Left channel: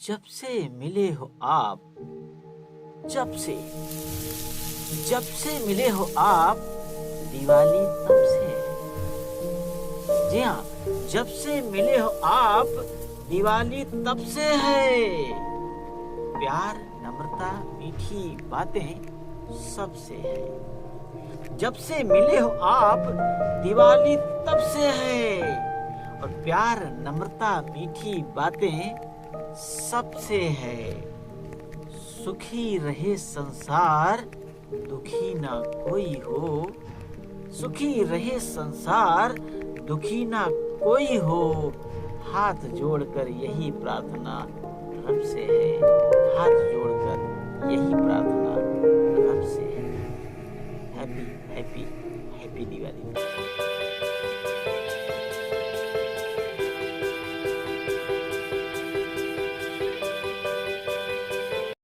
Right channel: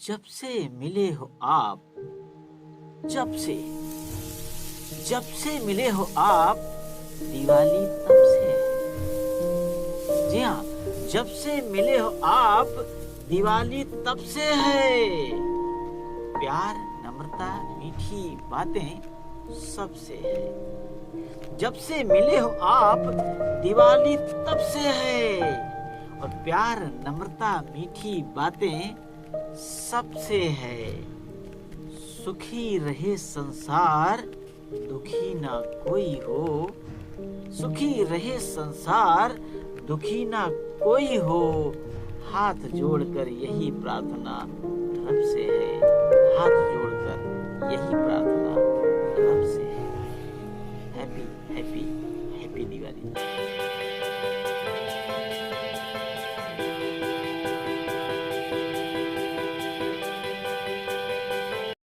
जब से मिले हो आप, जब से मिले हो आप, दिवाली तब से है। जी हाँ, जब से मिले हो आप, दिवाली तब से है। प्यार, नम्रता, मीठी बातें सबसे है। जब से मिले हो आप, दिवाली तब से है। और प्यार, नम्रता, मीठी बातें सबसे है। सुखी रहे संसार, दुखी ना कोई हो। सुखी रहे संसार, दुखी ना कोई हो। हाथ जोड़कर यही प्रार्थना रब से है। हाथ जोड़कर यही प्रार्थना रब से है। Happy happy happy Diwali.